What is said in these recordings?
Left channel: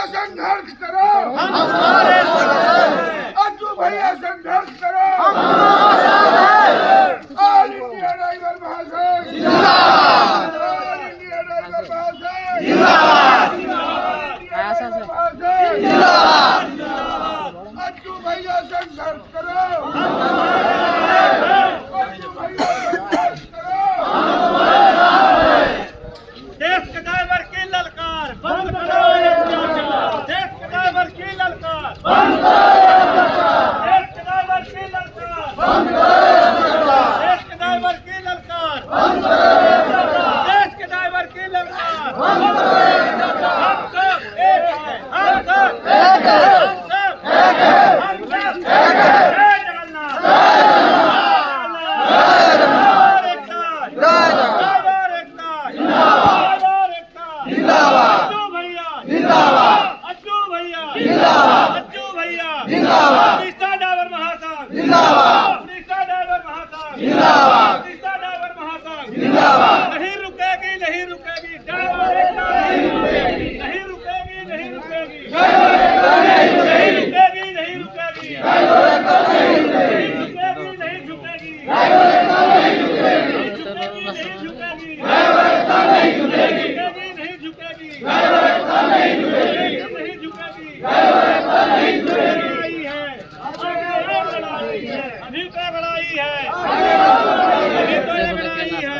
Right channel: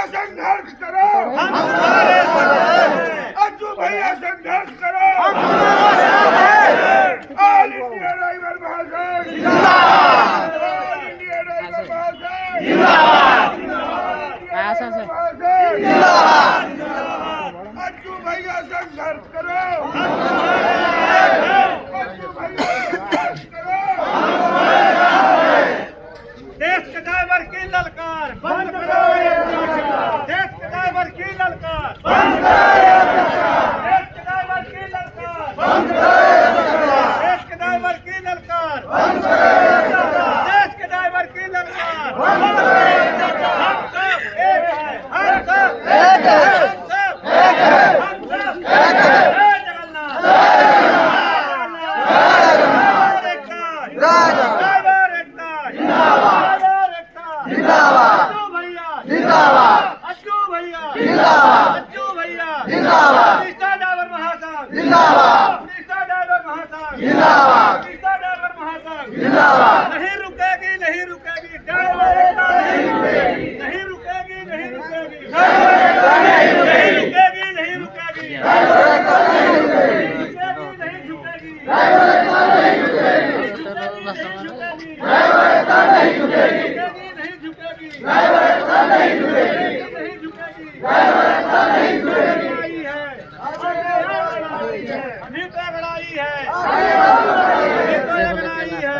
भैया संघर्ष करो, हम तुम्हारे साथ हैं। अज्जू भैया संघर्ष करो, हम तुम्हारे साथ हैं। ऑल इंडिया ड्राइवर महासंघ जिंदाबाद, ऑल इंडिया ड्राइवर महासंघ जिंदाबाद, जिंदाबाद। जिंदाबाद। अज्जू भैया संघर्ष करो, अज्जू भैया संघर्ष करो। देश के ड्राइवर की ललकार बंद करो ये अत्याचार। देश के ड्राइवर की ललकार बंद करो ये अत्याचार। देश के ड्राइवर की ललकार बंद करो ये अत्याचार। देश के ड्राइवर की ललकार बंद करो ये अत्याचार। देश के ड्राइवर की ललकार बंद करो ये अत्याचार। हम सब एक हैं, हम सब एक हैं, हम सब एक हैं, हम सब एक हैं। जय जगन्नाथ, जय जगन्नाथ, जय जगन्नाथ, ड्राइवर एकता जिंदाबाद, ड्राइवर एकता जिंदाबाद, अज्जू भैया जिंदाबाद, अज्जू भैया जिंदाबाद, अज्जू भैया जिंदाबाद, उड़ीसा ड्राइवर महासंघ जिंदाबाद, उड़ीसा ड्राइवर महासंघ जिंदाबाद, उड़ीसा ड्राइवर महासंघ जिंदाबाद। नहीं रुकेगी, नहीं रुकेगी, ड्राइवर एकता नहीं रुकेगी, नहीं रुकेगी, नहीं रुकेगी, नहीं रुकेगी, नहीं रुकेगी, ड्राइवर एकता नहीं रुकेगी, नहीं झुकेगी, ड्राइवर एकता नहीं झुकेगी, ड्राइवर एकता नहीं झुकेगी, नहीं झुकेगी, ड्राइवर एकता नहीं झुकेगी, नहीं झुकेगी, ड्राइवर एकता नहीं झुकेगी। लड़ाई है, लड़ाई है, अभी तो लड़ाई है, अभी तो लड़ाई है,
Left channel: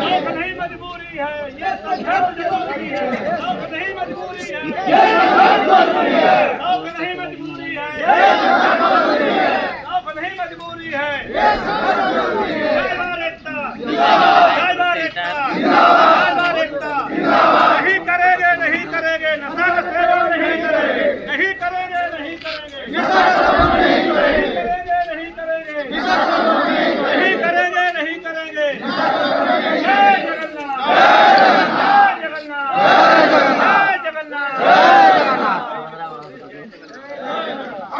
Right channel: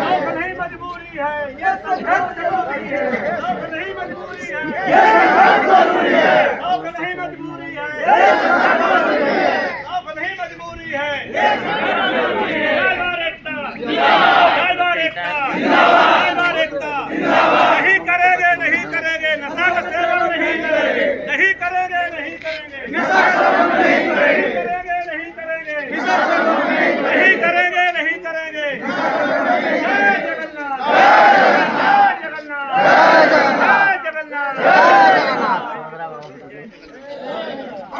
शौक नहीं मजबूरी है, ये संघर्ष जरूरी है, शौक नहीं मजबूरी है, ये संघर्ष जरूरी है, शौक नहीं मजबूरी है, ये संघर्ष जरूरी है, शौक नहीं मजबूरी है, ये संघर्ष जरूरी है। ड्राइवर एकता जिंदाबाद, ड्राइवर एकता जिंदाबाद।